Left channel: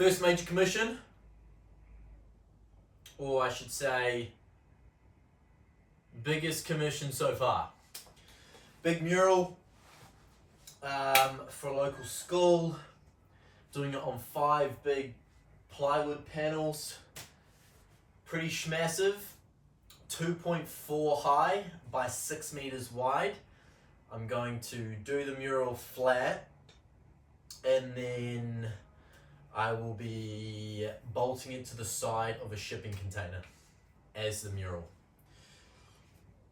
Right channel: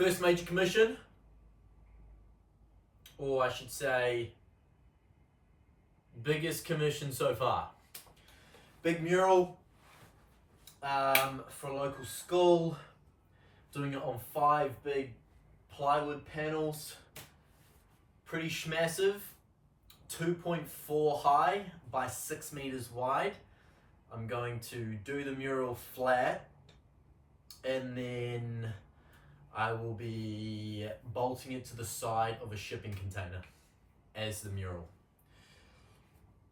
First major commission, or I should say, biggest commission so far. Big mural for a local school, doing it on 5 big plywood panels, pretty schmassive, 2.4 high by 6 meters wide. I'm going to do the mural flat, and then I will be bolting it to the side of a shipping container as the mural.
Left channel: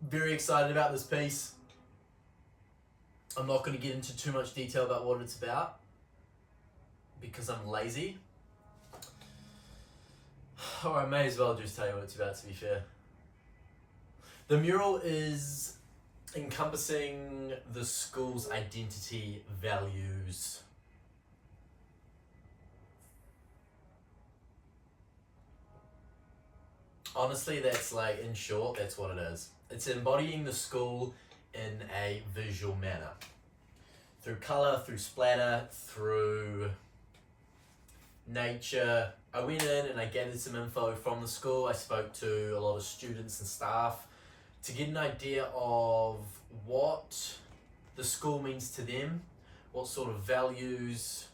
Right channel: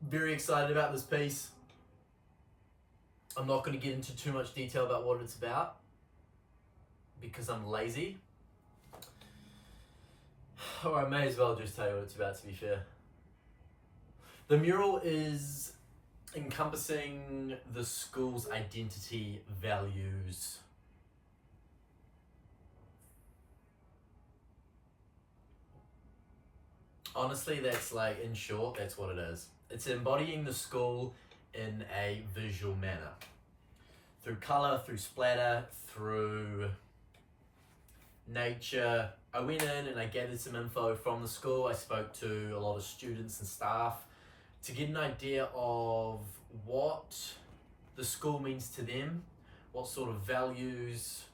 Very excited about this piece. I'm not going to get into too much detail about what it's about because I'm lazy. Or I may as well just tell you what it's about, to be fair. The mural is encompassing the school's identity, values. Honestly, that's like, in short, that's what it is. It's embodying the school in a visual manner. Through colour, through splatter, through nature. I went in and I gathered some info from the school. I spoke to a lot of students and staff to get an idea of what the school means to them, what sort of values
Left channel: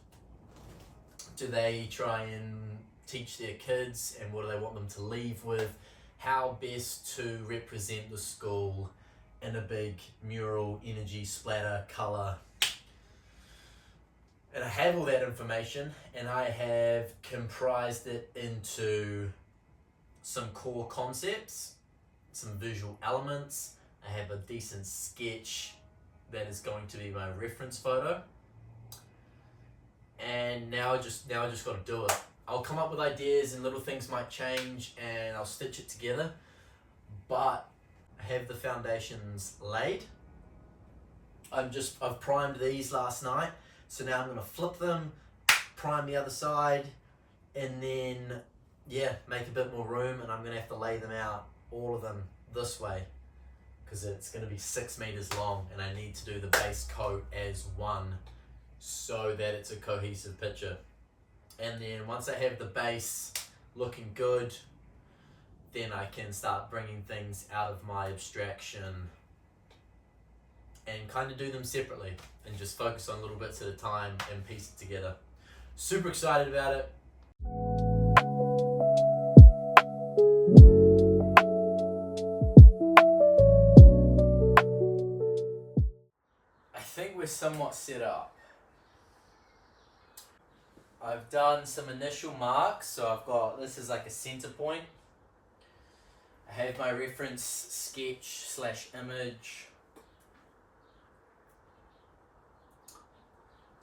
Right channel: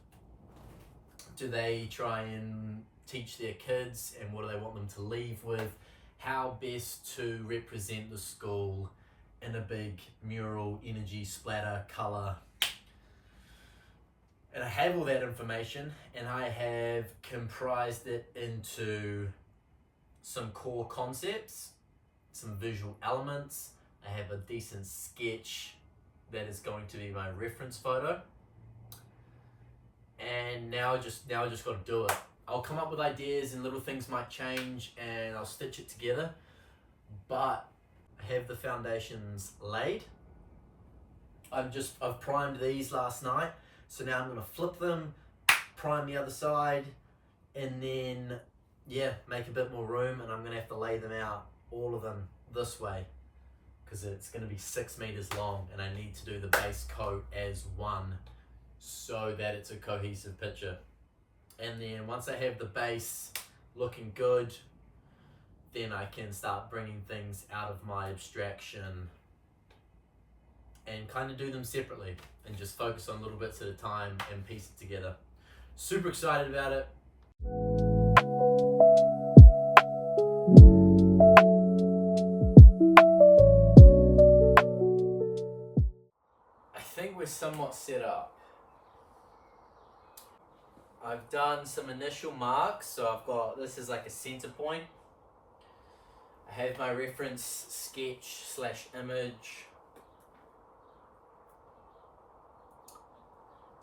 do they try and teach their kids, and what do they want them to leave with, how best to represent the school in a big mural, energy, splatter, colour. And I have all that information, and I have comprised it into some core concepts, some visual elements. I have a decent sketch that is going to be my reference photo. And now I just got to do it. I'll come up with ideas and little things might change and I'll stitch it together. But I have the foundations laid. I've primed these last night. So now I'm going to flip them, prime the other side, and then, make a bit more room, and I'm going to have to lay them out, all of them, this way, because it's going to be 6 meters long, and I need to do the base coat as one, so that it's a cohesive picture. And then once I have the base looking good, then I can start bringing things out of my abstraction and kind of do them separately and just focus on little bits at a time and piece it together. Super excited about it. I think we're somewhat set up. I've done some initial marks, so I've got, this is like a center point. I have my reference sketch / image.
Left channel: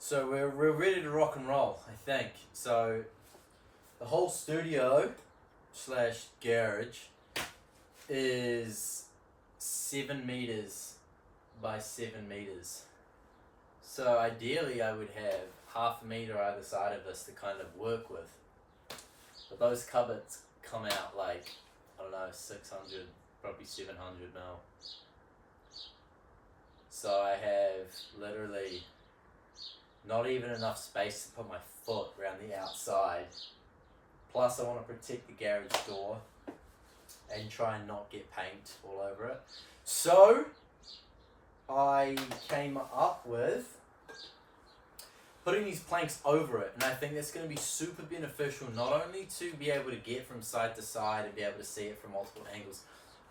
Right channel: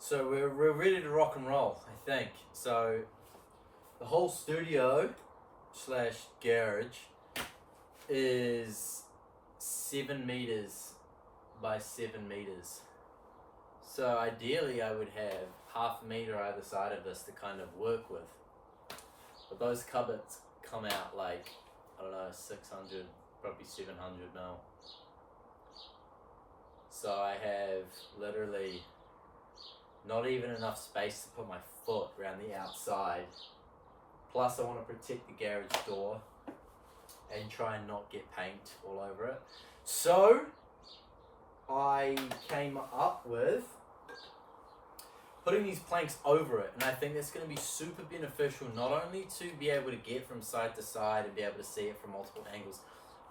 So we're ready to rock and roll, I think. So the whole studio / garage is 7 meters by 7 meters. So ideally I would have half a meter either side of this to kind of work with. But those cupboards come out like, I don't know, 600, probably 700 mil. So I have literally not even enough space to put my foot around the outside. Plus I want to protect the garage door and try and not get paint all over it. So I came up with putting these planks over it, and I think that's going to be super beneficial, not only to be able to get from side to side and be able to see it from multiple angles,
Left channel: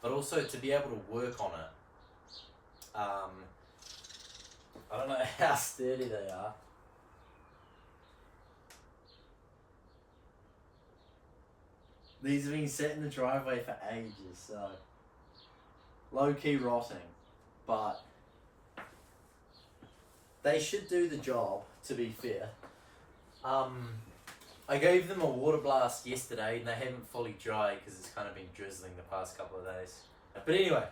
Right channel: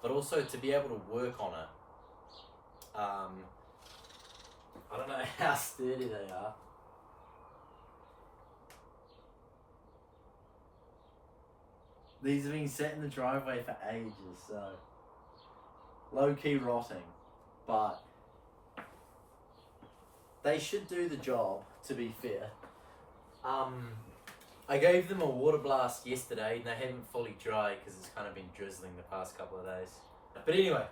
but also to be able to work on it. I don't know how sturdy they are. These have been sat in the driveway for ages, so low-key rotting, but they should do the job, to be fair. I gave them a water blast yesterday and they haven't fully dried because it's kind of been drizzling the past couple of days. But anyway,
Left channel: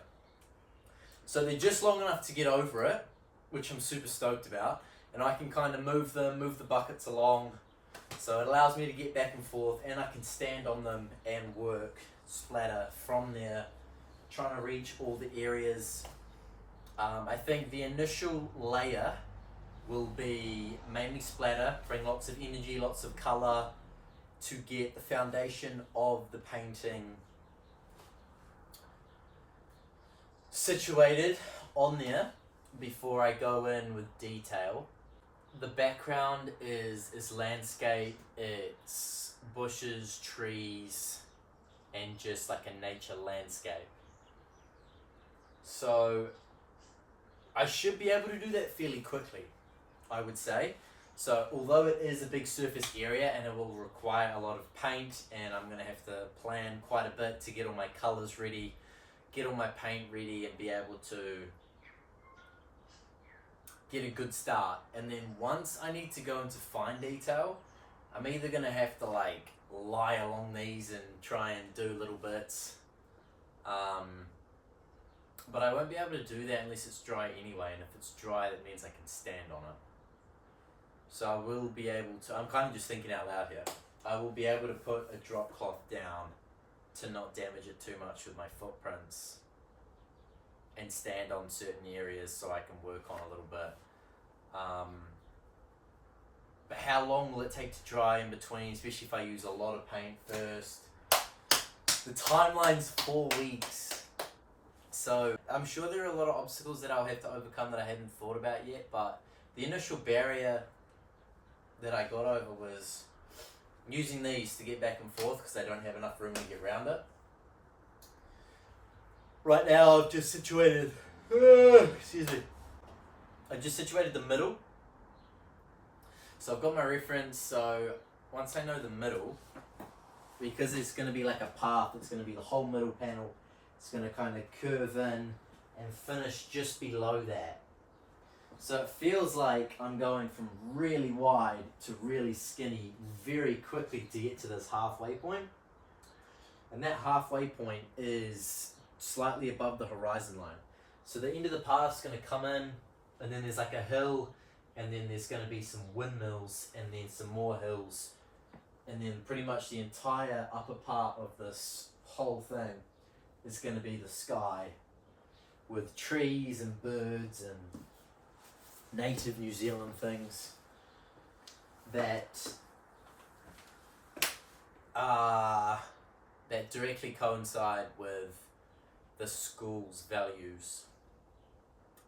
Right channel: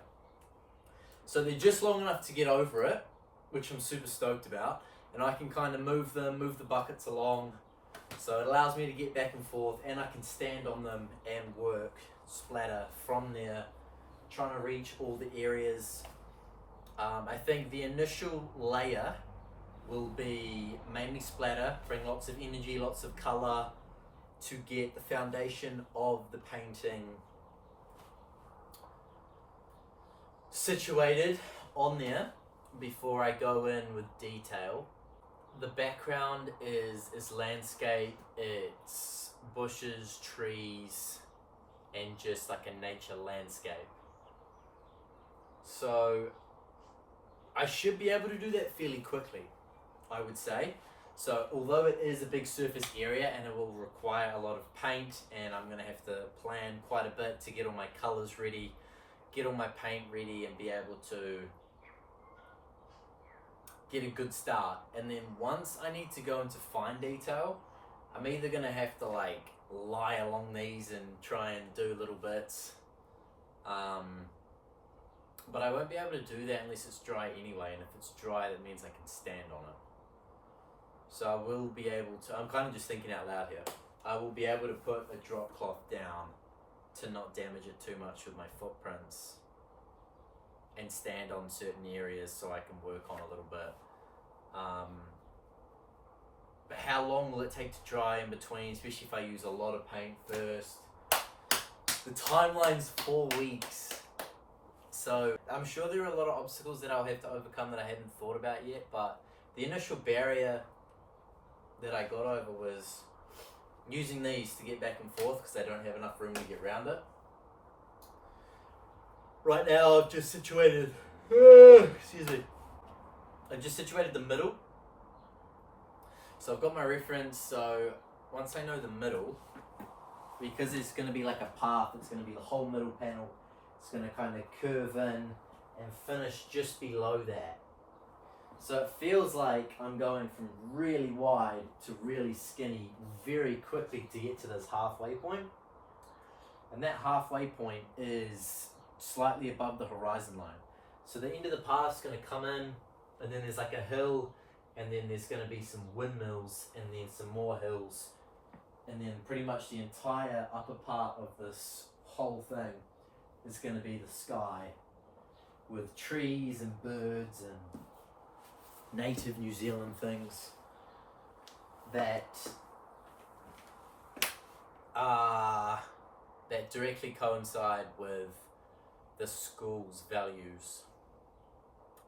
so they're just long enough to get over it, which I'm super stoked about, and I can kind of move the buckets along, so it allows me to get back and forth, and I can stand on them and work splatter from there, trying to reach all the areas. I think the initial layer will be mainly splatter, bring lots of energy, lots of color, to get the foundation of the painting situated on there before I go in with detail. The background is landscape, it's bushes, trees, and just like a nature landscape. So I should be able to do that fairly quickly, I would say. So although it is a big surface area and it will require a lot of paint, and I'm going to have to plan quite a bit to get all my colors ready, get all my paint ready, and be able to get a good start. And then once I need to go into fine detail, I'm either going to have to like lie along these and try and do little bits, but I won't be able to do that unless it's dry anyway, and if it's dry that means I can stand on it. So I will be able to, I'm kind of just thinking out loud here, I will be able to put a drop cloth down to not damage it too much with my footprints, and stand on certain areas so I can work on a little bit. But how long will it take to dry in between, especially if I use a lot of paint first? The timeline's 4 weeks. So I'm sure there are a lot of obstacles that I'll have to overcome that I haven't thought about yet, but the initial barrier that I got over was using these to get back and forth because I don't have enough room to get around it. Right now I've just situated, I just situated the middle. So I've got my reference, so once I know the middle, because it's going to be like a path, it's going to be the whole middle panel, it's going to kind of curve in and finish just below that. So it feels like I'm going from really wide to really skinny very quickly to get to this halfway point. And that halfway point is slightly above the horizon line. So the end of the path is going to come in, and then there's like a hill, and then there's going to be some windmills, and then some more hills, and then pretty much the entire upper part of this whole thing is going to be the sky with trees and birds and native New Zealand things that directly coincide with the school's values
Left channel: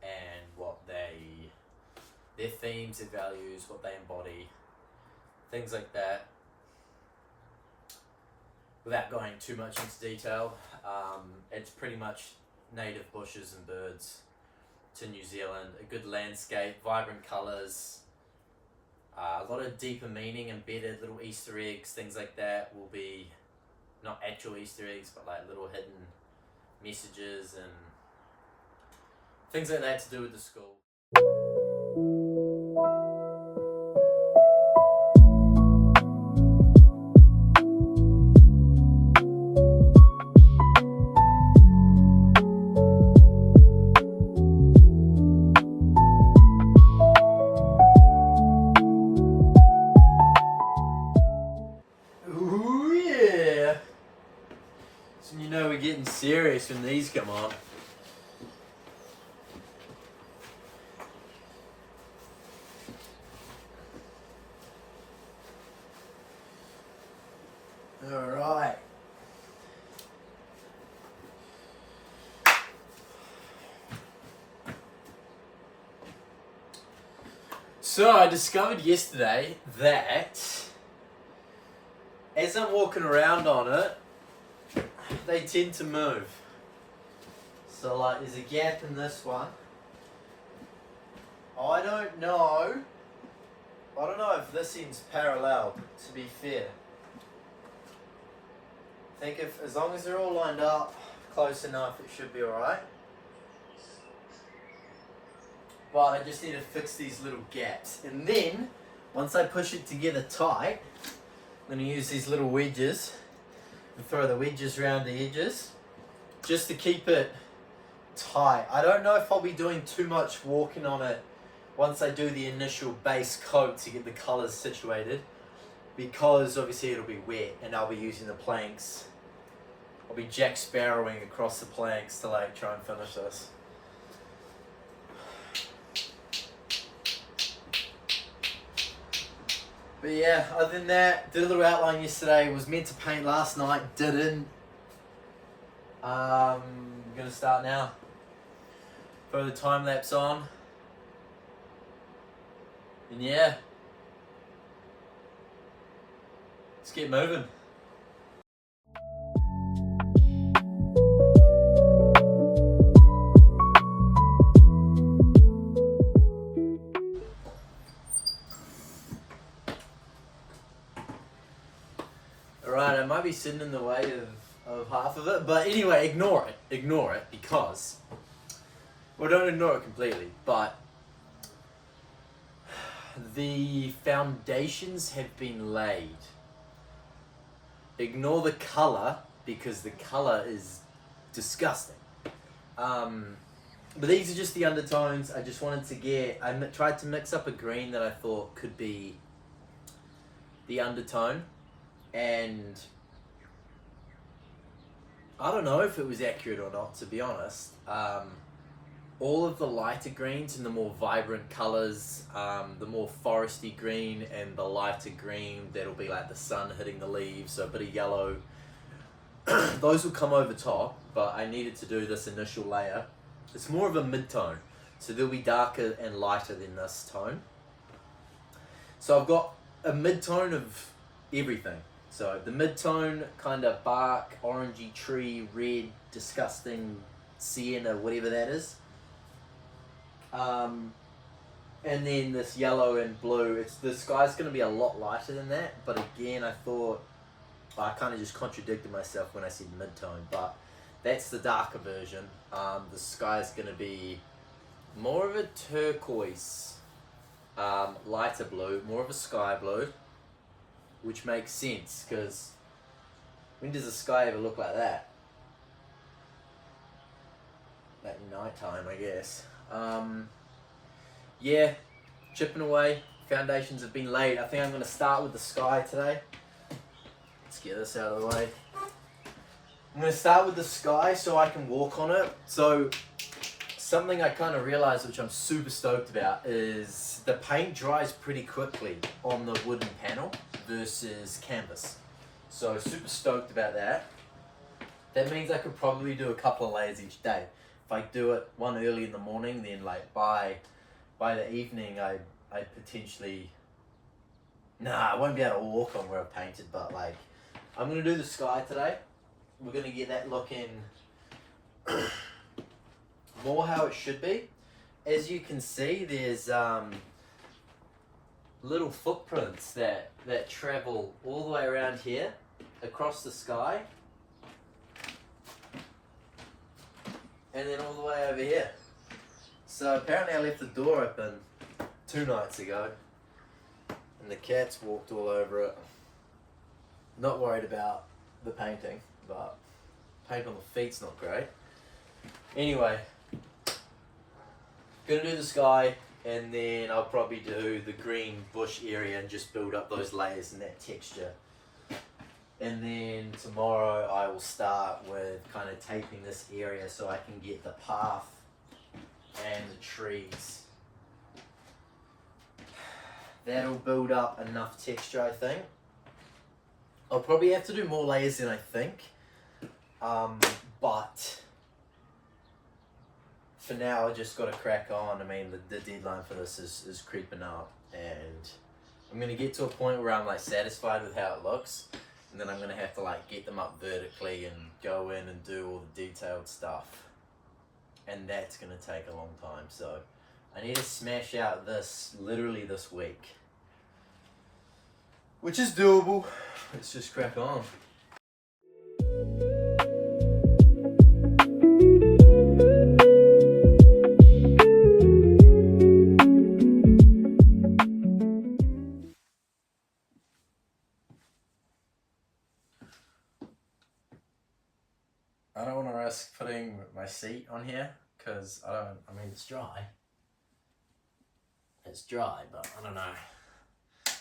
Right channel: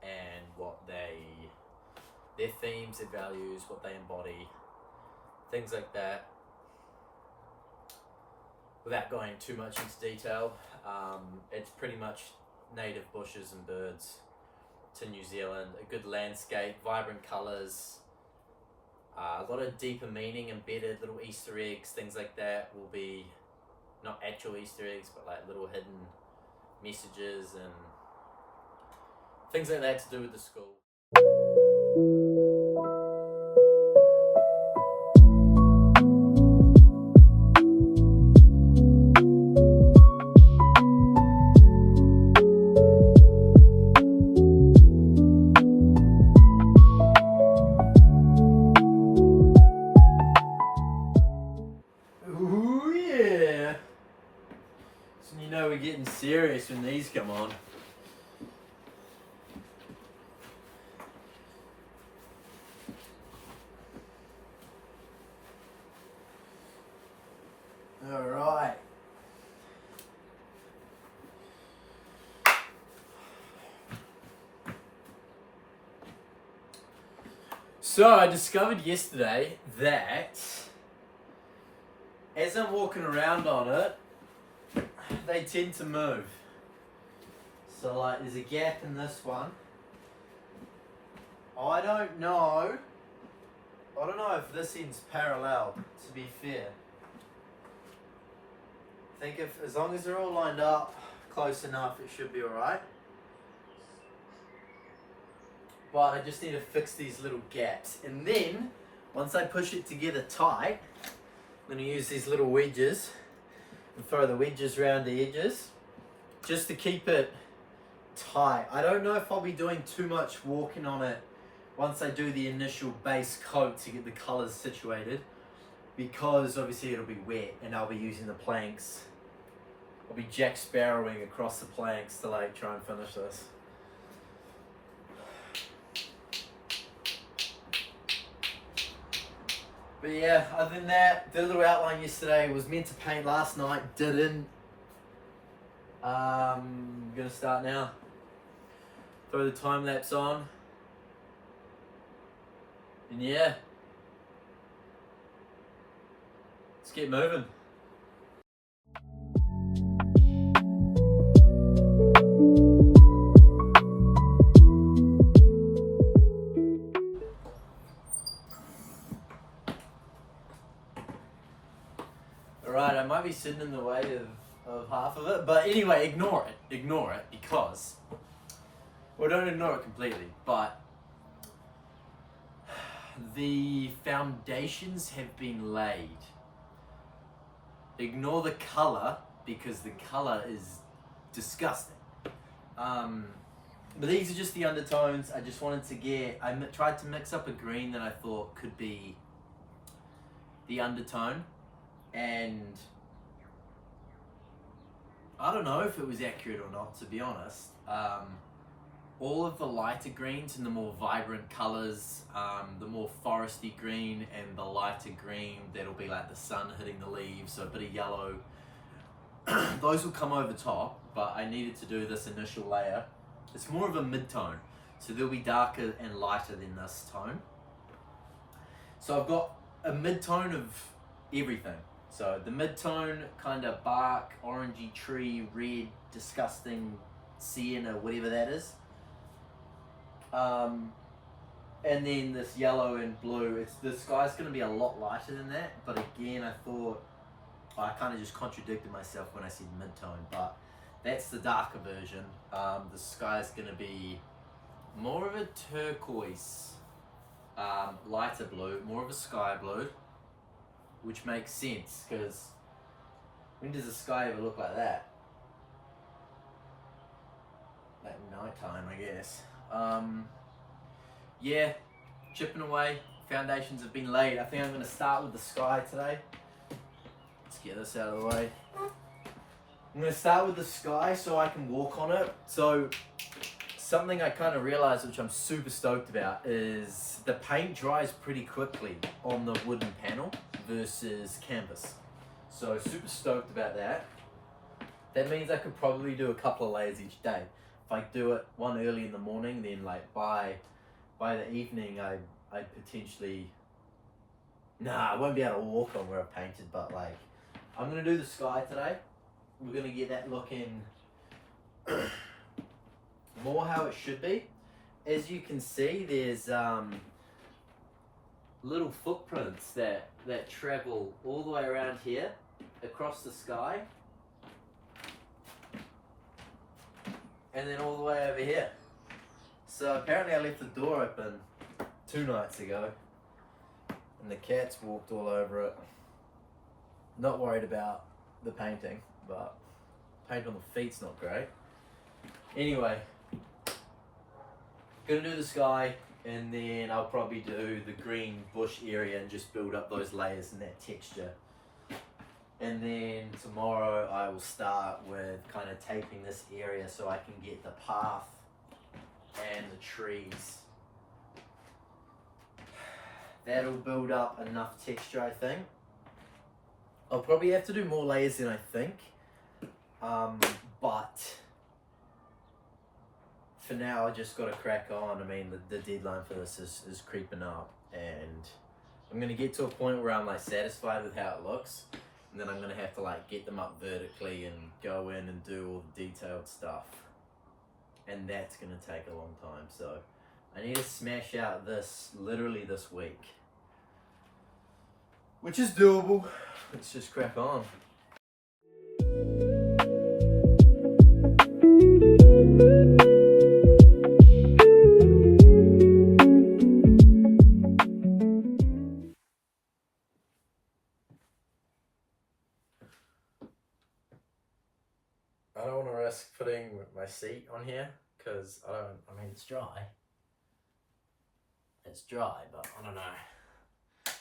and what their themes, their values, what they embody, things like that. Without going too much into detail, it's pretty much native bushes and birds to New Zealand, a good landscape, vibrant colours, a lot of deeper meaning embedded, little Easter eggs, things like that will be not actual Easter eggs, but like little hidden messages and things like that to do with the school. Ooh yeah! So you know we're getting serious when these come on. Alright. So I discovered yesterday that as I'm walking around on it, they tend to move. So like there's a gap in this one. I don't know if this end's parallel, to be fair. I think if, as long as they're all lined up close enough, it should be alright. But I just need to fix these little gaps. And then, once I push it together tight, I'm going to use these little wedges and throw the wedges around the edges just to keep it tight. I don't know if I'll be doing too much walking on it once I do the initial base coat to get the colours situated, because obviously it'll be wet and I'll be using the planks. I'll be Jack Sparrowing across the planks to like try and finish this. But yeah, other than that, did a little outline yesterday. Was meant to paint last night, didn't. Gonna start now. Throw the time lapse on. And yeah, let's get moving. Alright, I might be sitting in the way of half of it, but anyway, ignore it, because, well, don't ignore it completely, but the foundations have been laid. Ignore the colour, because the colour is disgusting. But these are just the undertones. I just wanted to get, I tried to mix up a green that I thought could be the undertone, and I don't know if it was accurate or not, to be honest. All of the lighter greens and the more vibrant colors, the more foresty green and the lighter green, that'll be like the sun hitting the leaves, so a bit of yellow. Those will come over top, but I needed to do this initial layer. It's more of a mid-tone, so they'll be darker and lighter than this tone. So I've got a mid-tone of everything. So the mid-tone, kind of bark, orangey tree, red, disgusting sienna, whatever that is. And then this yellow and blue. The sky's going to be a lot lighter than that, but again, I thought, I kind of just contradicted myself when I said mid-tone, but that's the darker version. The sky's going to be more of a turquoise, lighter blue, more of a sky blue, which makes sense, because when does the sky ever look like that? At night time, I guess. Yeah, chipping away. Foundations have been laid. I think I'm going to start with the sky today. Let's get this out of the way. I'm going to start with the sky so I can walk on it. So something I kind of realized, which I'm super stoked about, is the paint dries pretty quickly on the wooden panel versus canvas. So super stoked about that. That means I could probably do a couple of layers each day. If I do it one early in the morning, then like by the evening I potentially, I won't be able to walk on where I've painted, but like I'm gonna do the sky today. We're gonna get that looking more how it should be. As you can see, there's little footprints that travel all the way around here across the sky, and then all the way over here. So apparently I left the door open 2 nights ago and the cats walked all over it. Not worried about the painting, but paint on the feet's not great. Anyway, gonna do the sky, and then I'll probably do the green bush area and just build up those layers and that texture. And then tomorrow I will start with kind of taping this area so I can get the path and the trees. That'll build up enough texture, I think. I'll probably have to do more layers than I think. But for now, I just got to crack on. I mean, the deadline for this is creeping up, and I'm going to get to a point where I'm like satisfied with how it looks. And then I'm going to have to like get them up vertically and go in and do all the detailed stuff. And that's going to take a long time. So I need to smash out this literally this week. Which is doable. Let's just crack on. I don't want to risk putting my seat on here because I mean, it's dry. It's dry, but I don't know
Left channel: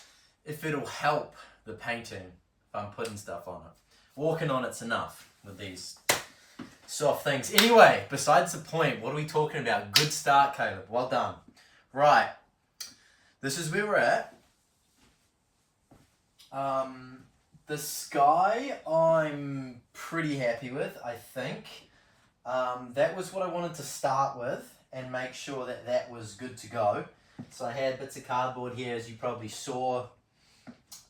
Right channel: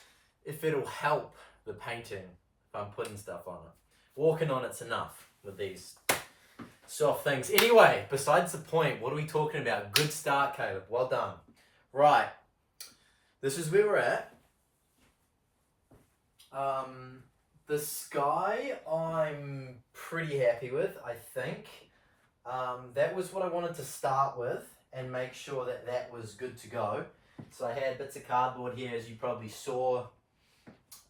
if it'll help the painting if I'm putting stuff on it. Walking on it's enough with these soft things. Anyway, besides the point, what are we talking about? Good start, Caleb. Well done. Right. This is where we're at. The sky I'm pretty happy with, I think. That was what I wanted to start with and make sure that that was good to go. So I had bits of cardboard here, as you probably saw,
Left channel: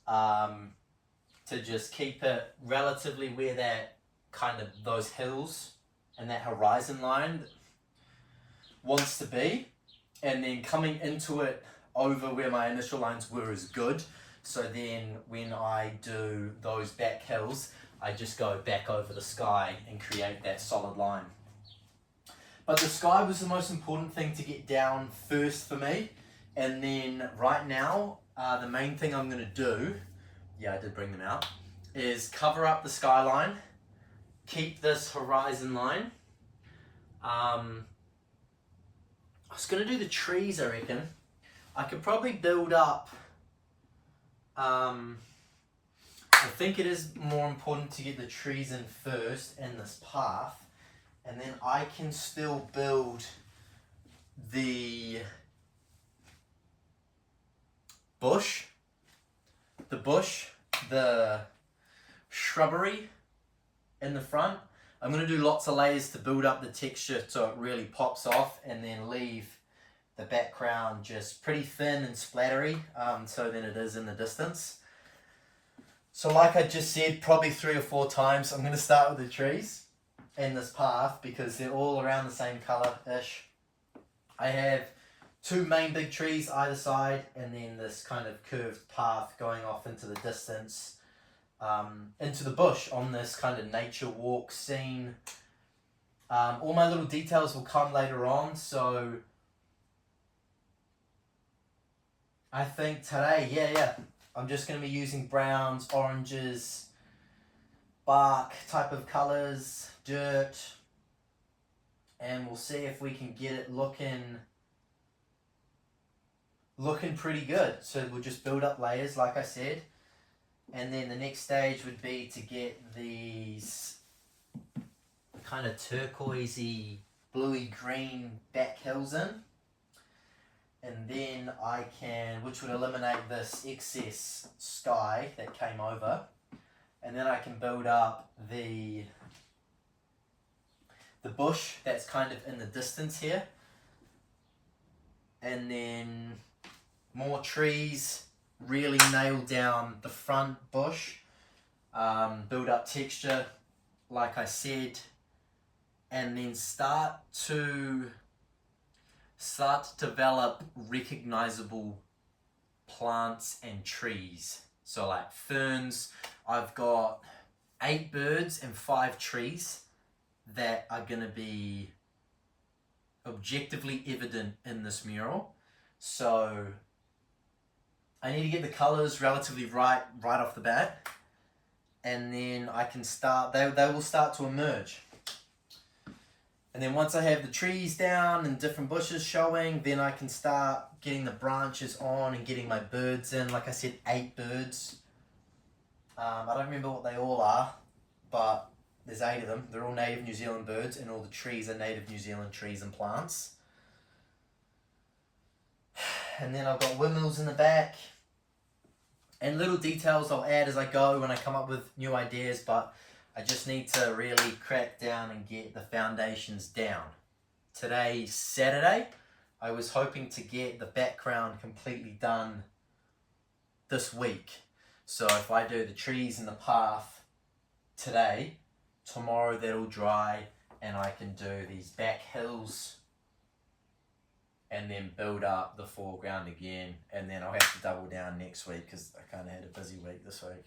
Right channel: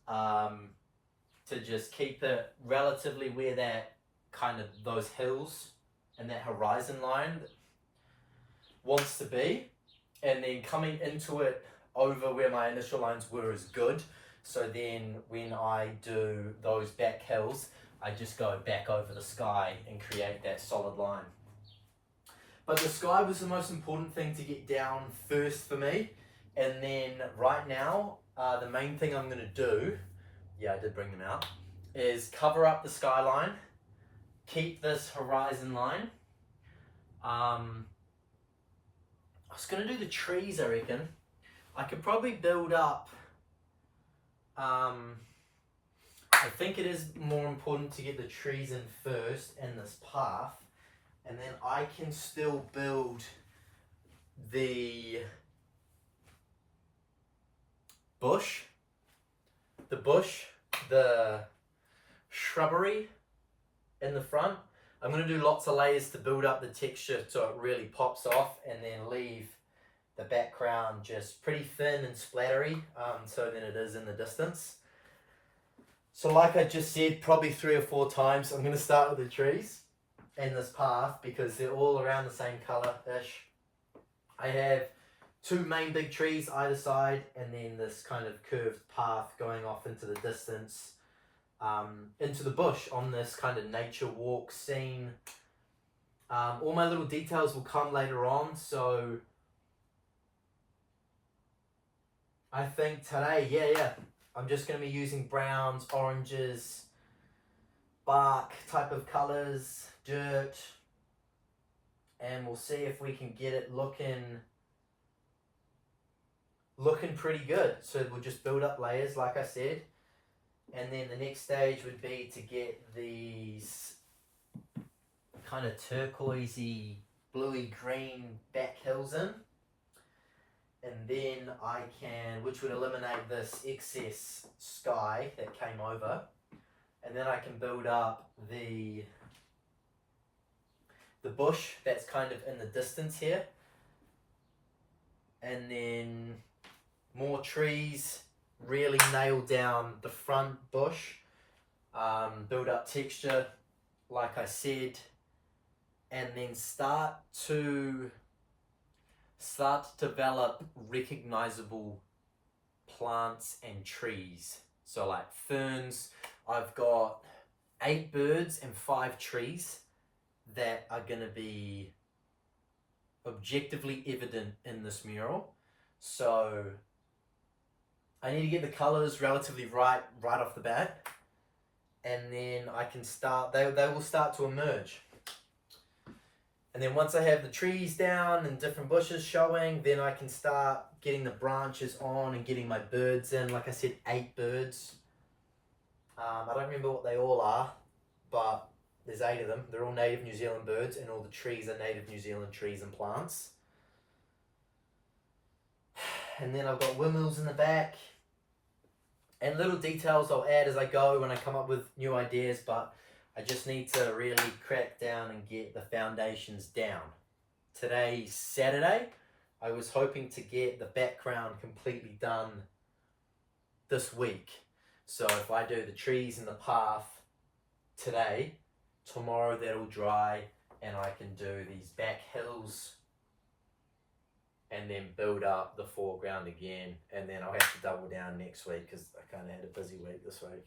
to just keep it relatively where that kind of those hills and that horizon line wants to be. And then coming into it over where my initial lines were is good. So then when I do those back hills, I just go back over the sky and create that solid line. But the sky was the most important thing to get down first for me. And then right now, the main thing I'm gonna do, yeah, I did bring them out, is cover up the skyline, keep this horizon line. I was gonna do the trees, I reckon. I could probably build up, I think it is more important to get the trees in first in this path, and then I can still build the bush, the shrubbery in the front. I'm going to do lots of layers to build up the texture so it really pops off, and then leave the background just pretty thin and splattery, so then it is in the distance. So like I just said, probably 3 or 4 times, I'm going to start with the trees in this path because they're all around the same colour-ish. I have 2 main big trees either side, and then this kind of curved path going off into the distance, into the bush on this kind of nature walk scene. All my little details will come later on, so I think today, I'm just going to be using browns, oranges, bark type of colours, dirt, and we'll see if we can get it looking pretty good. So we'll just build up layers like I said, and then the next stage would be to get these kind of turquoisey, bluey green back hills in, and then I can, which would eliminate this excess sky that came over, and then I can build up the bush that's kind of in the distance here, and then more trees, really nail down the front bush, build up texture like I said, and then start to develop recognizable plants and trees. So like ferns, I've got 8 birds and 5 trees that are going to be objectively evident in this mural. So I need to get the colors relatively right off the bat, and then I can start, they will start to emerge. And then once I have the trees down and different bushes showing, then I can start getting the branches on and getting my birds in. Like I said, 8 birds. I don't remember what they all are, but there's 8 of them. They're all native New Zealand birds, and all the trees are native New Zealand trees and plants. And then I've got windmills in the back, and little details I'll add as I go when I come up with new ideas, but I just need to really crack down and get the foundations down. Today's Saturday. I was hoping to get the background completely done this week. So if I do the trees and the path today, tomorrow that'll dry and I can do these back hills and then build up the foreground again, and then I'll have to double down next week because I kind of had a busy week this week.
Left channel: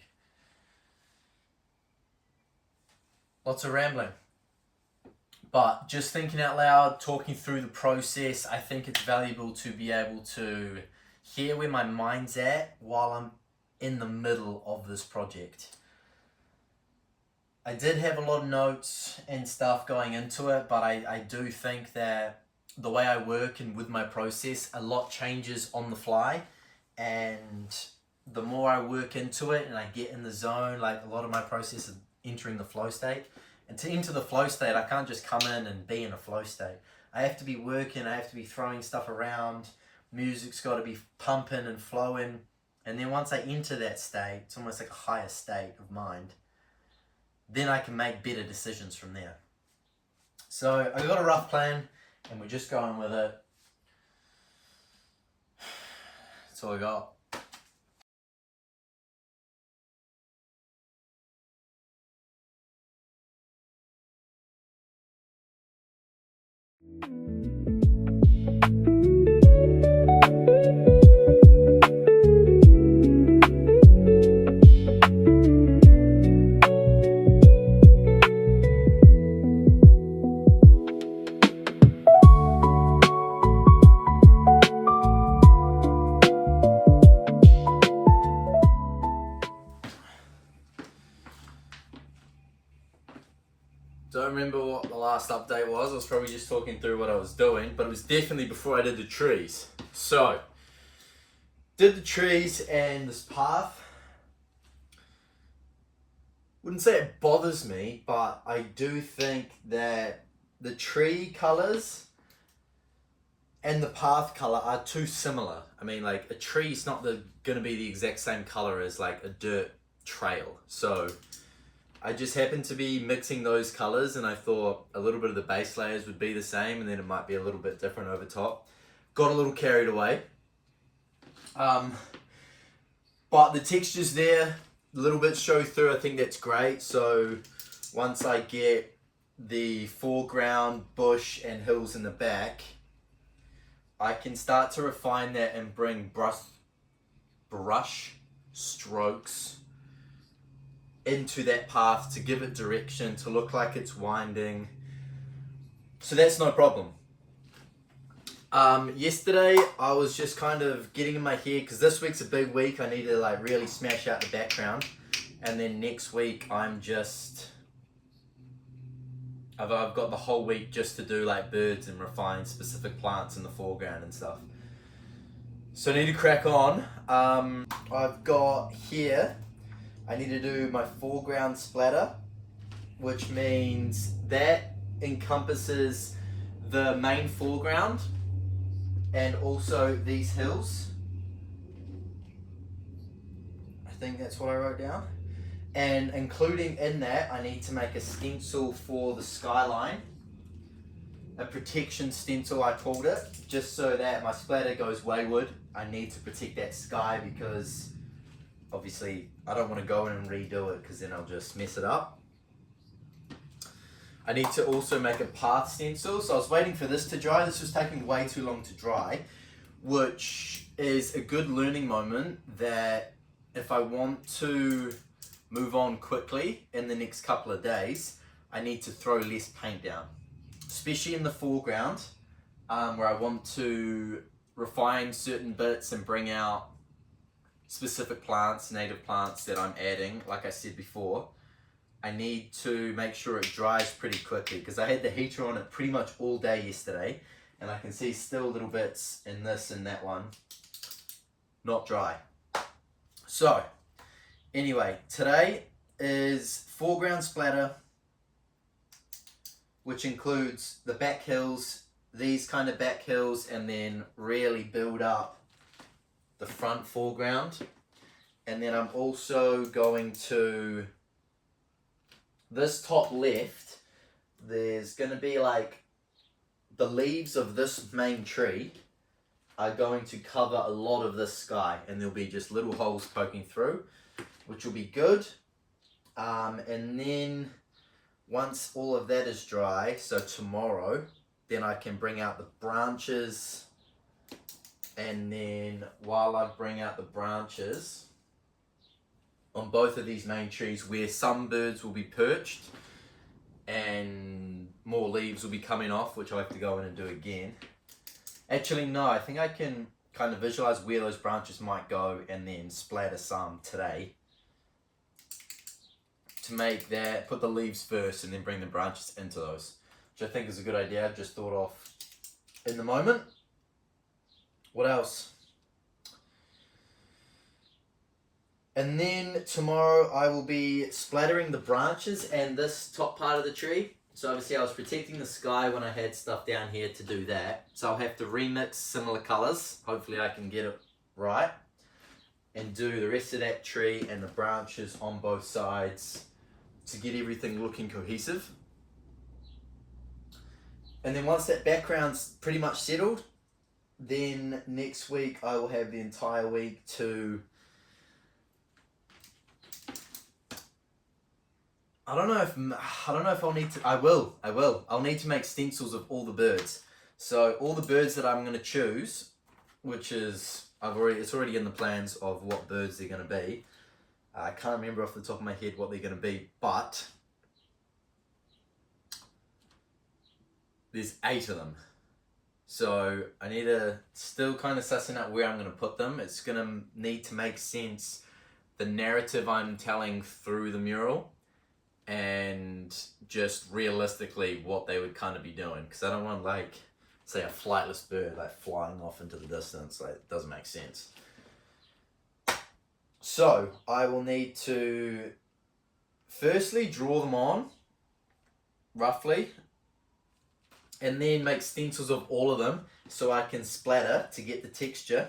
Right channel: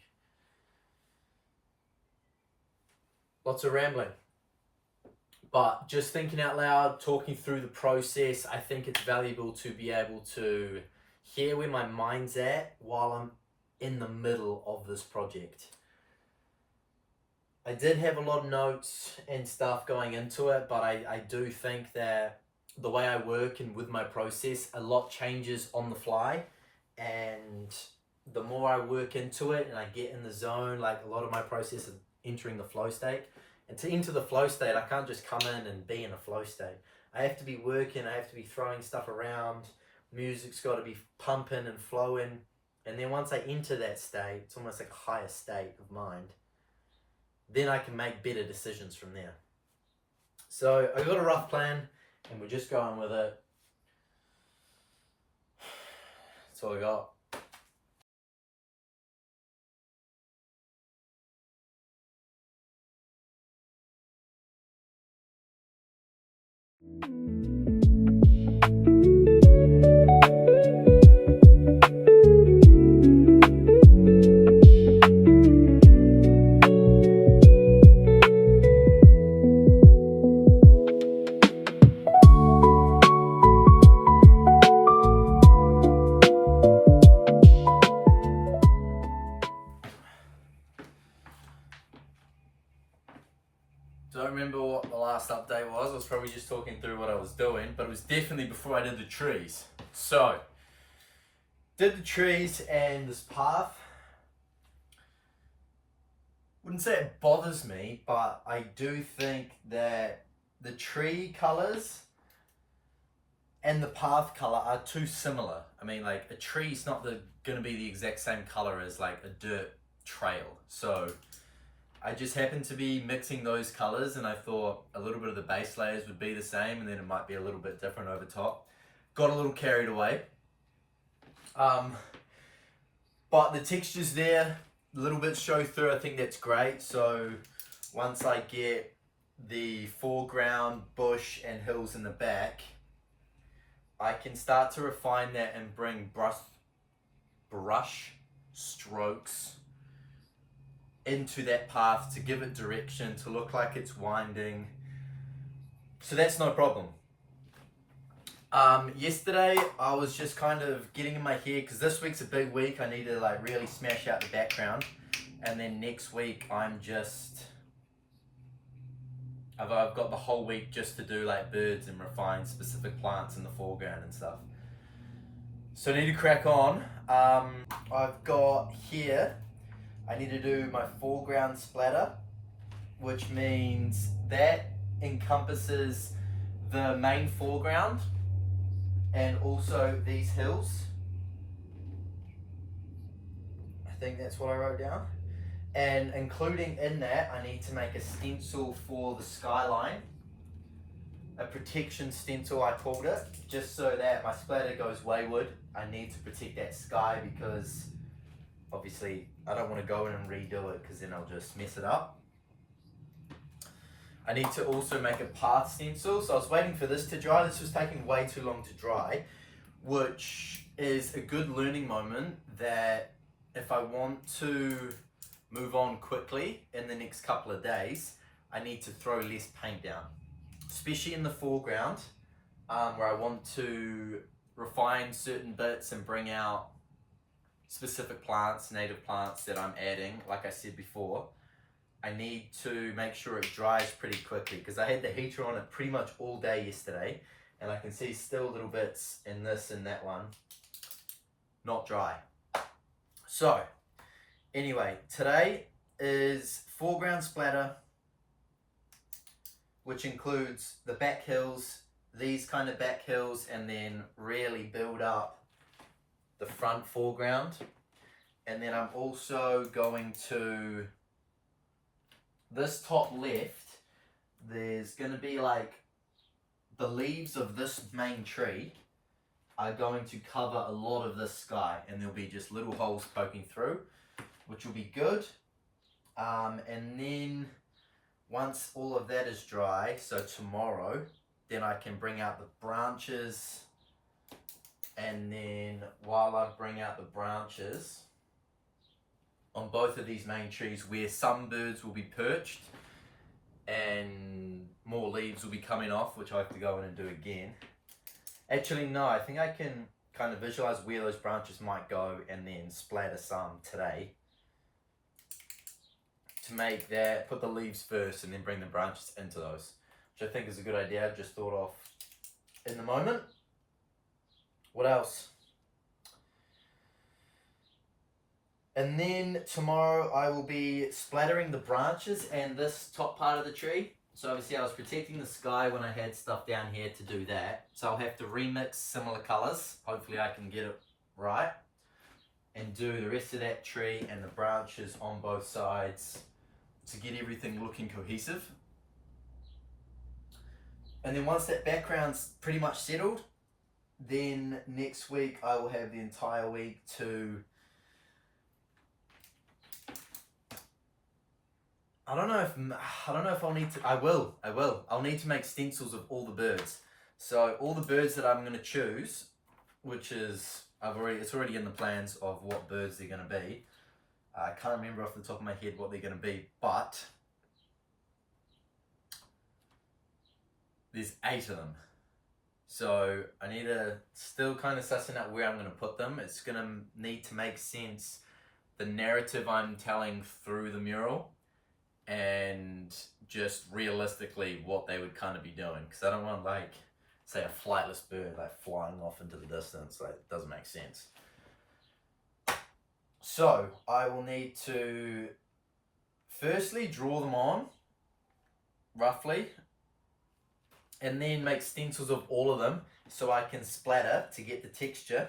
Lots of rambling, but just thinking out loud, talking through the process. I think it's valuable to be able to hear where my mind's at while I'm in the middle of this project. I did have a lot of notes and stuff going into it, but I do think that the way I work and with my process, a lot changes on the fly, and the more I work into it and I get in the zone, like a lot of my process is entering the flow state. And to enter the flow state, I can't just come in and be in a flow state. I have to be working, I have to be throwing stuff around, music's got to be pumping and flowing, And then once I enter that state, it's almost like a higher state of mind, then I can make better decisions from there. So I got a rough plan and we're just going with it. That's all I got. Don't remember what the last update was. I was probably just talking through what I was doing, but it was definitely before I did the trees. So, did the trees and this path. Wouldn't say it bothers me, but I do think that the tree colors and the path color are too similar. I mean, like a tree's not gonna be the exact same color as like a dirt trail. So I just happened to be mixing those colors and I thought a little bit of the base layers would be the same and then it might be a little bit different over top. Got a little carried away. But the texture's there, a little bit show through, I think that's great. So once I get the foreground, bush and hills in the back, I can start to refine that and bring brush strokes into that path to give it direction, to look like it's winding. So that's no problem. Yesterday I was just kind of getting in my head, because this week's a big week. I need to like really smash out the background, and then next week I've got the whole week just to do like birds and refine specific plants in the foreground and stuff. So I need to crack on. I've got here, I need to do my foreground splatter, which means that encompasses the main foreground and also these hills. I think that's what I wrote down. And including in that, I need to make a stencil for the skyline. A protection stencil, I called it, just so that my splatter goes wayward. I need to protect that sky because obviously I don't want to go in and redo it because then I'll just mess it up. I need to also make a path stencil. So I was waiting for this to dry. This was taking way too long to dry, which is a good learning moment that if I want to move on quickly in the next couple of days, I need to throw less paint down, especially in the foreground where I want to refine certain bits and bring out specific plants, native plants that I'm adding. Like I said before, I need to make sure it dries pretty quickly because I had the heater on it pretty much all day yesterday and I can see still little bits in this and that one not dry. So anyway, today is foreground splatter, which includes the back hills, these kind of back hills, and then really build up the front foreground. And then I'm also going to, this top left, there's going to be like the leaves of this main tree are going to cover a lot of this sky, and there'll be just little holes poking through, which will be good. And then once all of that is dry, so tomorrow, then I can bring out the branches, and then while I bring out the branches on both of these main trees where some birds will be perched and more leaves will be coming off, which I have to go in and do again. Actually, no, I think I can kind of visualize where those branches might go and then splatter some today to make that, put the leaves first and then bring the branches into those, which I think is a good idea. I've just thought of in the moment. What else? And then tomorrow I will be splattering the branches and this top part of the tree. So obviously I was protecting the sky when I had stuff down here to do that. So I'll have to remix similar colors. Hopefully I can get it right. and do the rest of that tree and the branches on both sides to get everything looking cohesive. And then once that background's pretty much settled, then next week I will have the entire week to, I don't know if I'll need to, I'll need to make stencils of all the birds. So all the birds that I'm going to choose, which is, it's already in the plans of what birds they're going to be. I can't remember off the top of my head what they're going to be, but there's 8 of them. So I need to still kind of sussing out where I'm going to put them. It's going to need to make sense, the narrative I'm telling through the mural, and just realistically what they would kind of be doing. Because I don't want, like, say a flightless bird like flying off into the distance. Like, it doesn't make sense. So I will need to firstly draw them on roughly, and then make stencils of all of them so I can splatter to get the texture,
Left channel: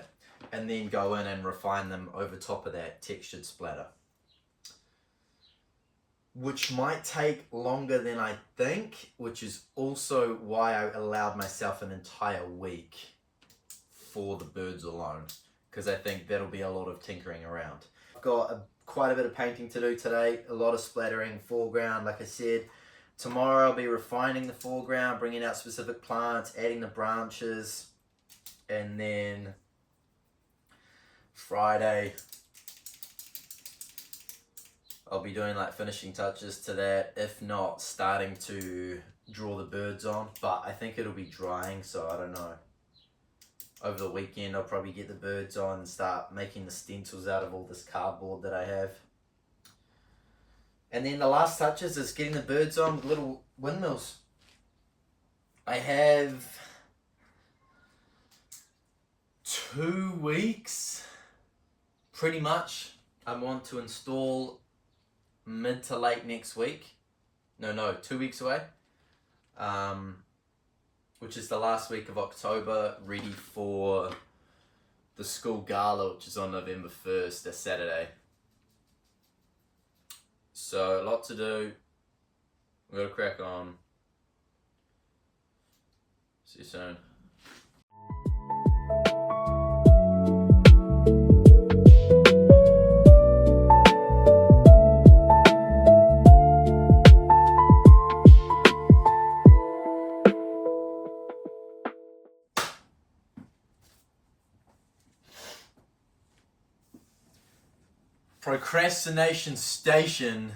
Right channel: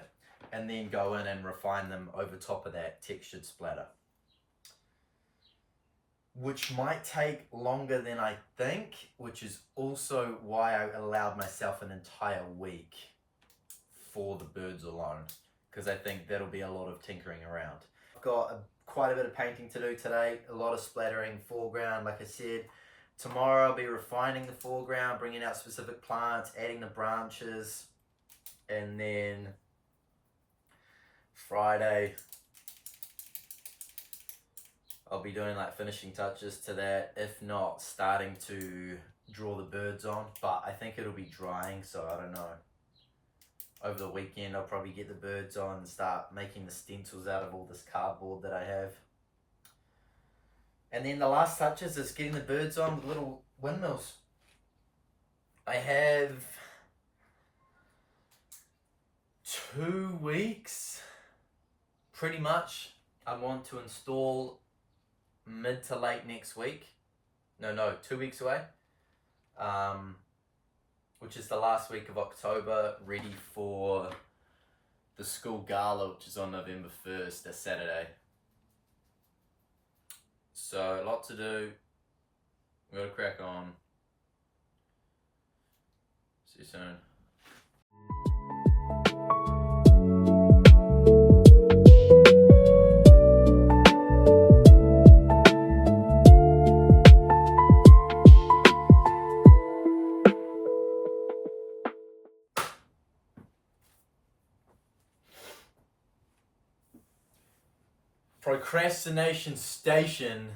and then go in and refine them over top of that textured splatter, which might take longer than I think, which is also why I allowed myself an entire week for the birds alone, because I think that'll be a lot of tinkering around. I've got quite a bit of painting to do today, a lot of splattering foreground, like I said. Tomorrow I'll be refining the foreground, bringing out specific plants, adding the branches, and then Friday I'll be doing like finishing touches to that, if not starting to draw the birds on, but I think it'll be drying, so I don't know. Over the weekend I'll probably get the birds on and start making the stencils out of all this cardboard that I have. And then the last touches is getting the birds on with little windmills. I have 2 weeks, pretty much. I want to install mid to late next week. No, 2 weeks away. Which is the last week of October, ready for the school gala, which is on November 1st, a Saturday. So, a lot to do. We've got to crack on. See you soon. Procrastination Station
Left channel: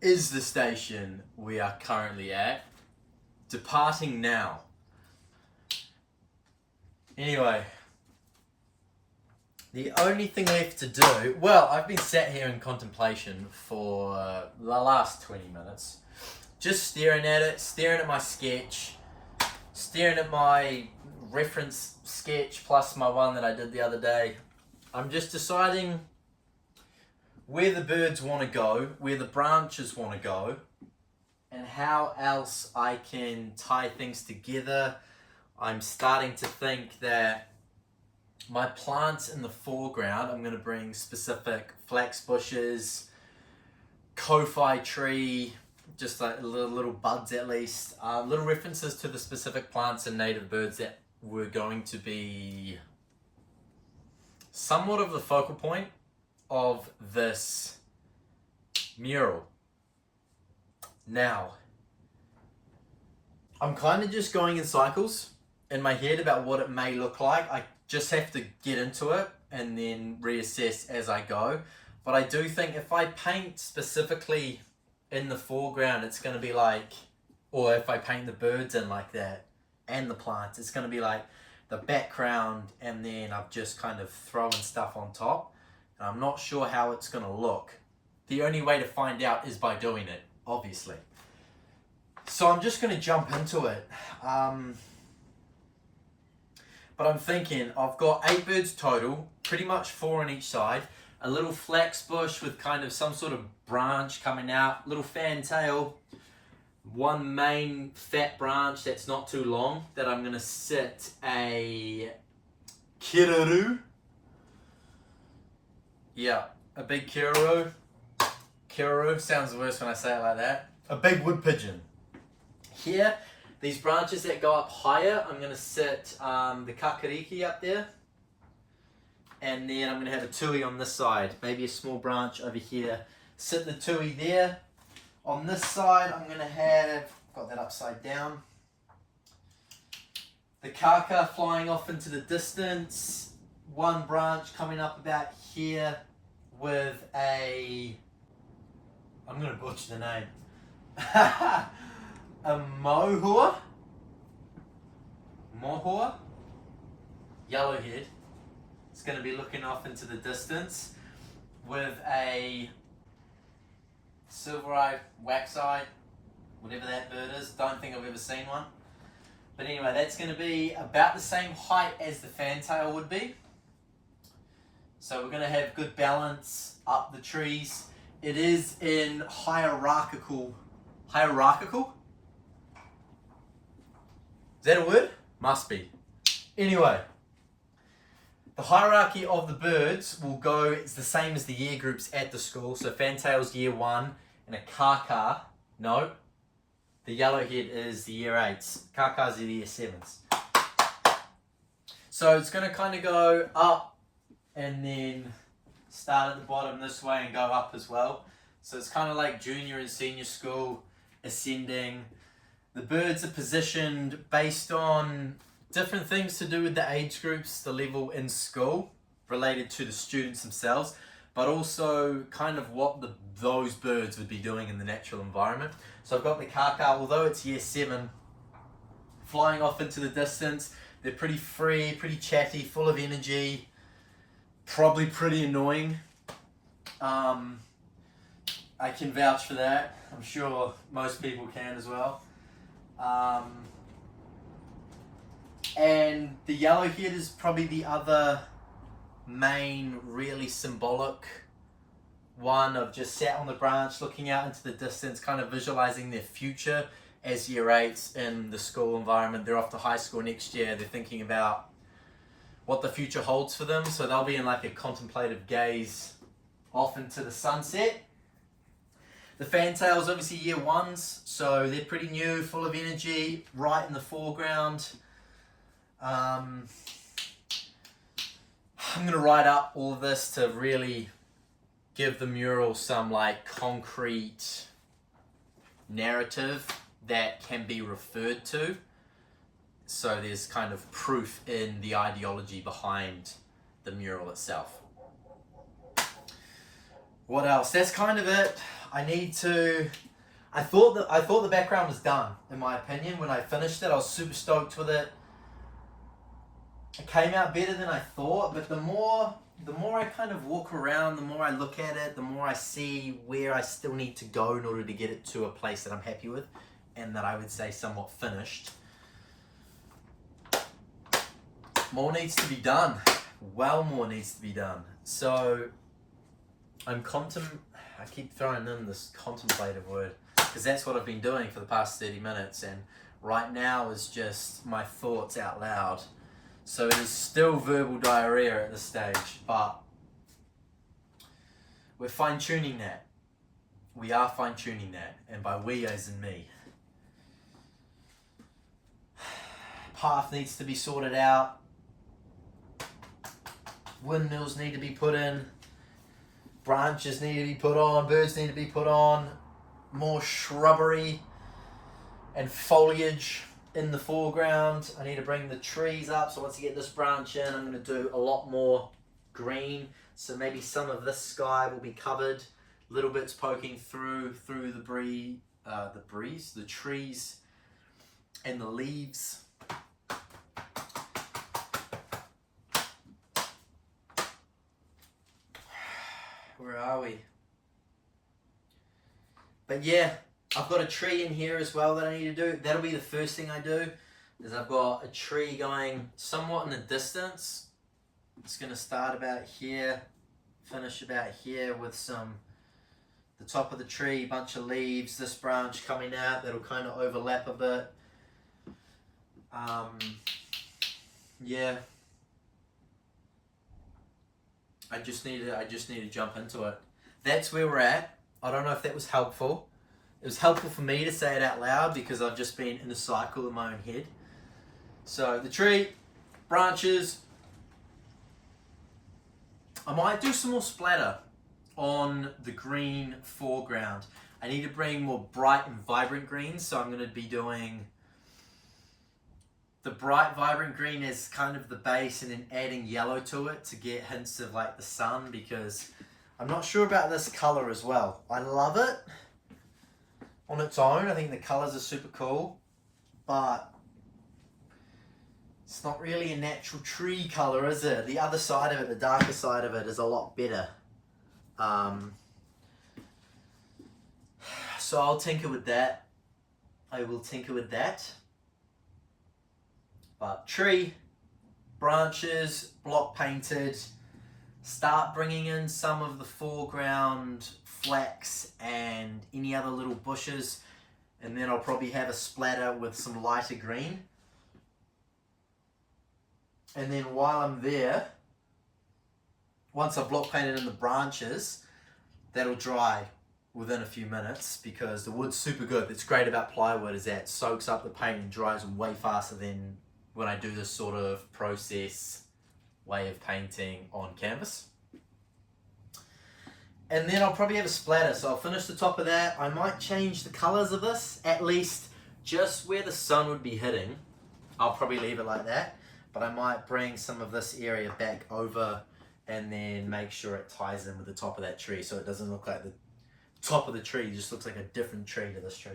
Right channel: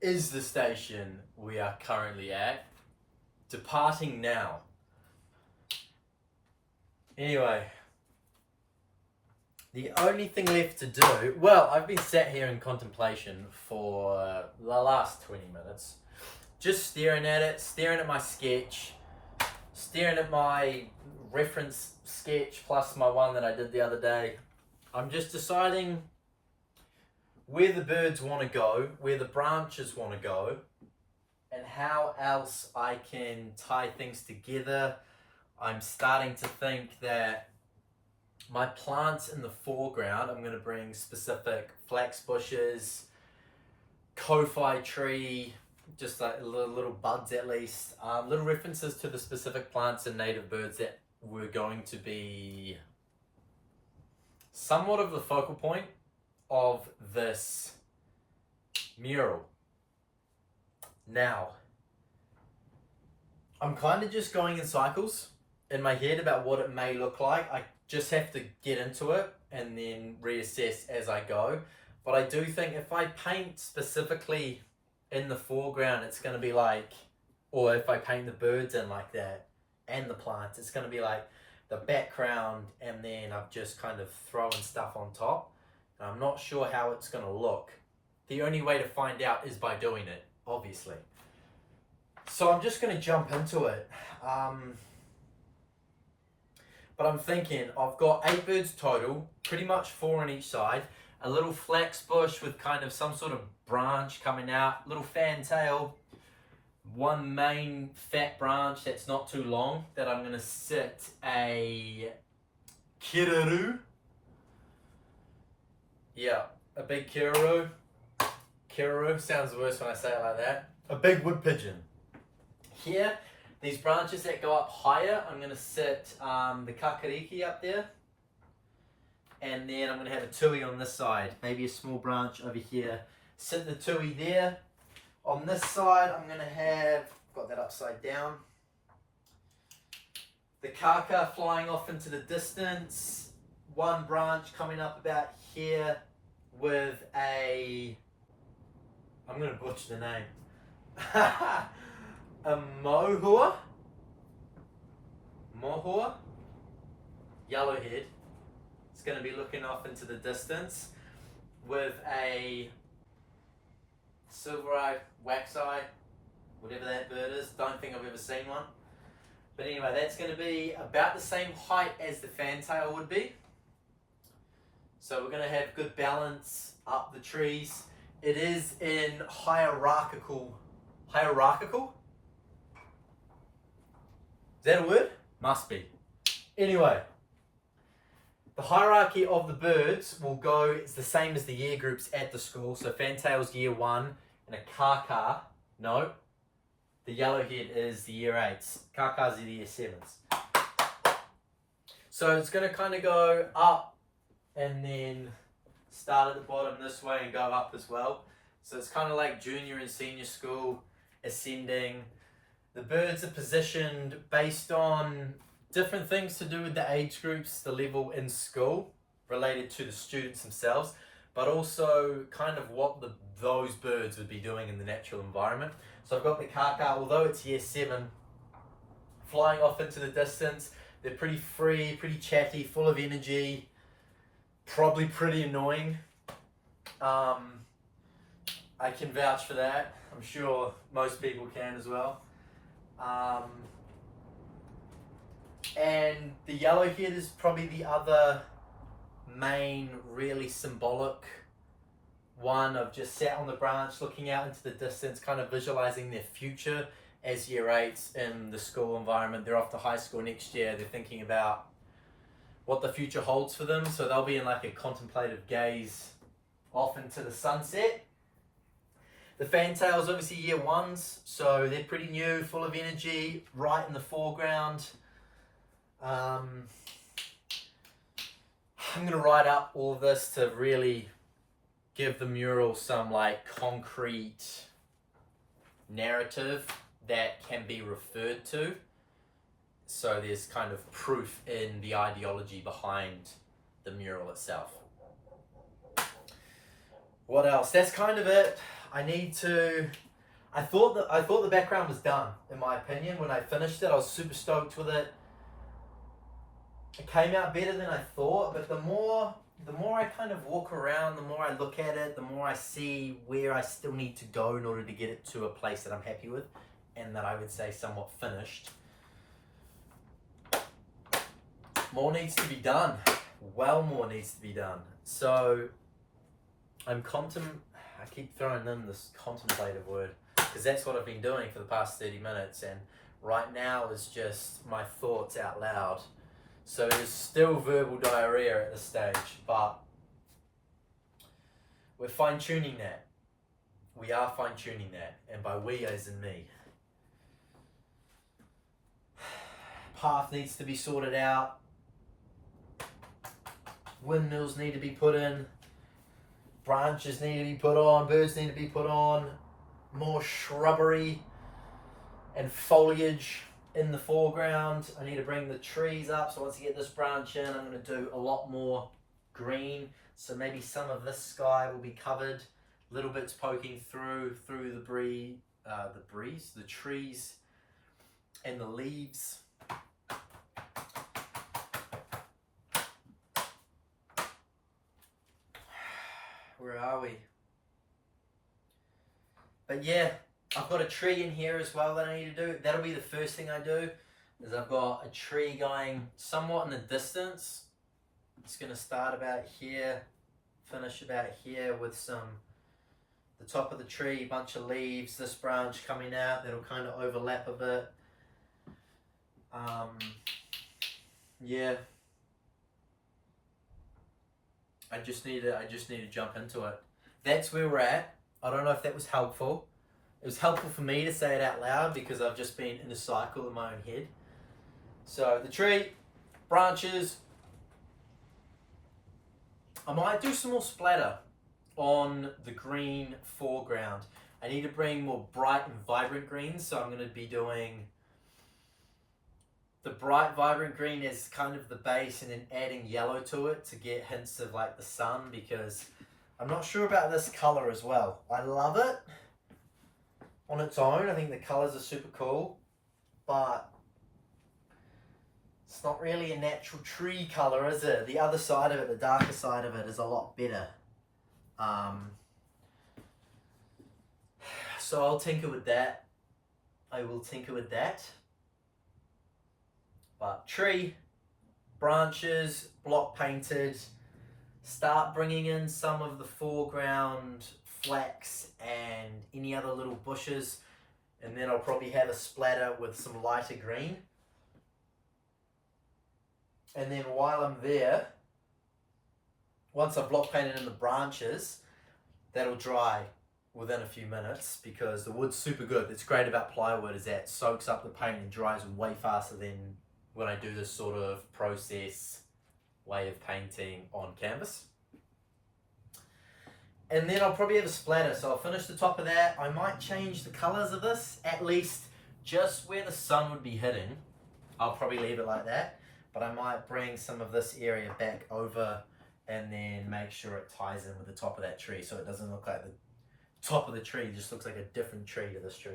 is the station we are currently at. Departing now. Anyway, the only thing left to do, well, I've been sat here in contemplation for the last 20 minutes, just staring at it, staring at my sketch, staring at my reference sketch plus my one that I did the other day. I'm just deciding where the birds want to go, where the branches want to go, and how else I can tie things together. I'm starting to think that my plants in the foreground, I'm going to bring specific flax bushes, ko-fi tree, just like little buds at least, little references to the specific plants and native birds that were going to be somewhat of the focal point of this mural. Now, I'm kind of just going in cycles in my head about what it may look like. I just have to get into it and then reassess as I go. But I do think if I paint specifically in the foreground, it's going to be like, or if I paint the birds in like that and the plants, it's going to be like the background, and then I'm just kind of throwing stuff on top, and I'm not sure how it's going to look. The only way to find out is by doing it, obviously. So I'm just going to jump into it. But I'm thinking I've got 8 birds total, pretty much 4 on each side, a little flax bush with kind of some sort of branch coming out, little fantail, one main fat branch that's not too long that I'm going to sit a kiraru, Yeah, a big Karori. Karori sounds worse when I say it like that. A big wood pigeon. Here, these branches that go up higher, I'm going to sit the kakariki up there. And then I'm going to have a tui on this side. Maybe a small branch over here. Sit the tui there. On this side, I'm going to have, got that upside down, the kaka flying off into the distance. One branch coming up about here with a, I'm going to butcher the name, a mohua, yellowhead. It's going to be looking off into the distance with a silver-eyed, wax-eye, whatever that bird is. Don't think I've ever seen one. But anyway, that's going to be about the same height as the fantail would be. So we're going to have good balance up the trees. It is in hierarchical. Hierarchical? Is that a word? Must be. Anyway, the hierarchy of the birds will go, it's the same as the year groups at the school. So fantail's year 1 and a kaka, no, the yellowhead is the year 8s. Kakas are the year 7s. So it's going to kind of go up and then start at the bottom this way and go up as well. So it's kind of like junior and senior school ascending. The birds are positioned based on different things to do with the age groups, the level in school, related to the students themselves, but also kind of what those birds would be doing in the natural environment. So I've got the kaka, although it's year 7, flying off into the distance. They're pretty free, pretty chatty, full of energy, probably pretty annoying. I can vouch for that. I'm sure most people can as well. And the yellowhead is probably the other main, really symbolic one. I've just sat on the branch looking out into the distance, kind of visualizing their future as year 8s in the school environment. They're off to high school next year. They're thinking about what the future holds for them. So they'll be in like a contemplative gaze off into the sunset. The fantails obviously year 1s, so they're pretty new, full of energy, right in the foreground. I'm going to write up all of this to really give the mural some like concrete narrative that can be referred to. So there's kind of proof in the ideology behind the mural itself. What else? That's kind of it. I thought the background was done, in my opinion. When I finished it, I was super stoked with it. It came out better than I thought, but the more I kind of walk around, the more I look at it, the more I see where I still need to go in order to get it to a place that I'm happy with and that I would say somewhat finished. More needs to be done. Well, more needs to be done. So I keep throwing in this contemplative word because that's what I've been doing for the past 30 minutes, and right now is just my thoughts out loud. So it is still verbal diarrhea at this stage, but we're fine-tuning that. We are fine-tuning that, and by we as in me. Path needs to be sorted out. Windmills need to be put in. Branches need to be put on. Birds need to be put on. More shrubbery and foliage in the foreground. I need to bring the trees up. So once I get this branch in, I'm going to do a lot more green. So maybe some of this sky will be covered. Little bits poking through the trees and the leaves. Where are we? But yeah, I've got a tree in here as well that I need to do. That'll be the first thing I do, is I've got a tree going somewhat in the distance. It's going to start about here, finish about here with the top of the tree, bunch of leaves, this branch coming out, that'll kind of overlap a bit. Yeah. I just need to jump into it. That's where we're at. I don't know if that was helpful. It was helpful for me to say it out loud because I've just been in a cycle in my own head. So the tree, branches. I might do some more splatter on the green foreground. I need to bring more bright and vibrant greens, so I'm going to be doing the bright vibrant green as kind of the base and then adding yellow to it to get hints of like the sun, because I'm not sure about this color as well. I love it on its own. I think the colors are super cool, but it's not really a natural tree color, is it? The other side of it, the darker side of it, is a lot better. So I'll tinker with that. I will tinker with that. But tree, branches, block painted. Start bringing in some of the foreground flax and any other little bushes. And then I'll probably have a splatter with some lighter green. And then while I'm there, once I've block painted in the branches, that'll dry within a few minutes because the wood's super good. That's great about plywood, is that it soaks up the paint and dries way faster than when I do this sort of process way of painting on canvas. And then I'll probably have a splatter, so I'll finish the top of that. I might change the colors of this, at least just where the sun would be hitting. I'll probably leave it like that, but I might bring some of this area back over and then make sure it ties in with the top of that tree so it doesn't look like the top of the tree just looks like a different tree to this tree.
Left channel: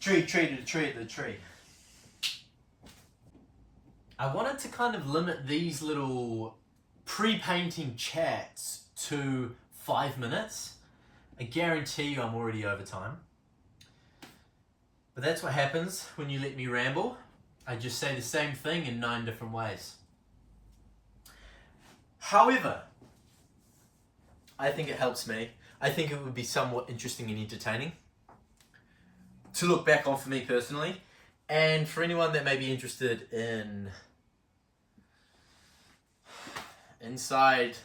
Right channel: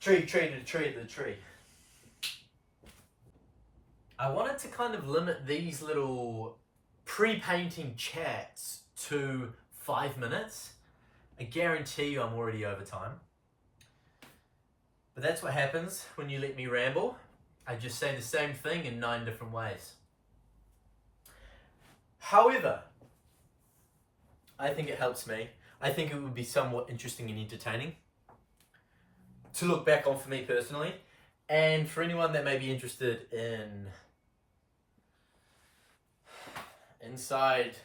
Tree to the tree to the tree. I wanted to kind of limit these little pre-painting chats to 5 minutes. I guarantee you I'm already over time. But that's what happens when you let me ramble. I just say the same thing in 9 different ways. However, I think it helps me. I think it would be somewhat interesting and entertaining to look back on for me personally, and for anyone that may be interested in inside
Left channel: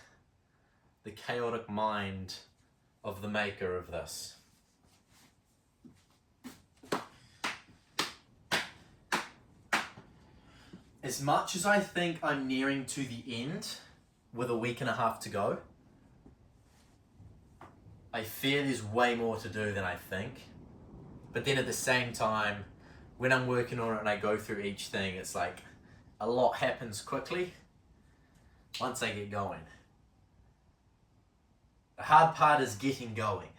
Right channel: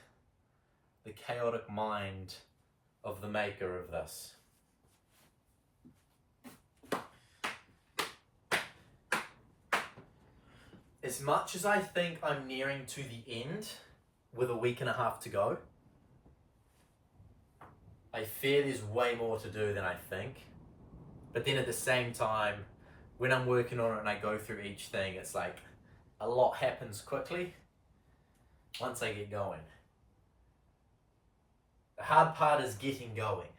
the chaotic mind of the maker of this. As much as I think I'm nearing to the end with a week and a half to go, I fear there's way more to do than I think. But then at the same time, when I'm working on it and I go through each thing, it's like a lot happens quickly once I get going. The hard part is getting going.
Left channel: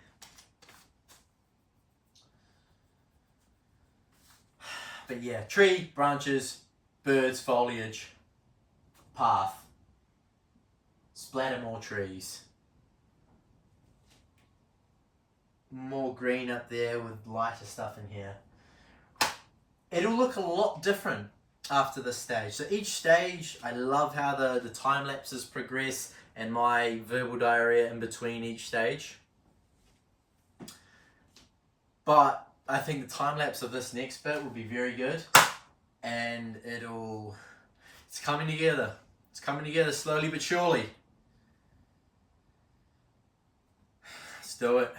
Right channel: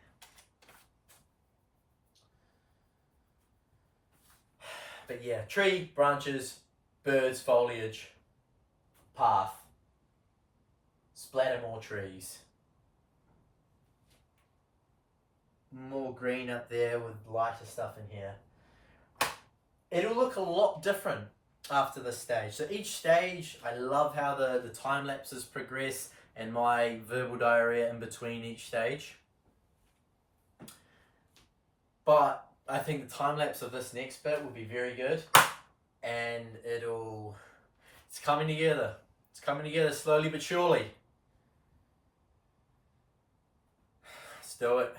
But yeah, tree, branches, birds, foliage, path, splatter more trees. More green up there with lighter stuff in here. It'll look a lot different after this stage. So each stage, I love how the time lapses progress and my verbal diarrhea in between each stage. But I think the time lapse of this next bit will be very good, and it's coming together. It's coming together slowly but surely. Let's do it.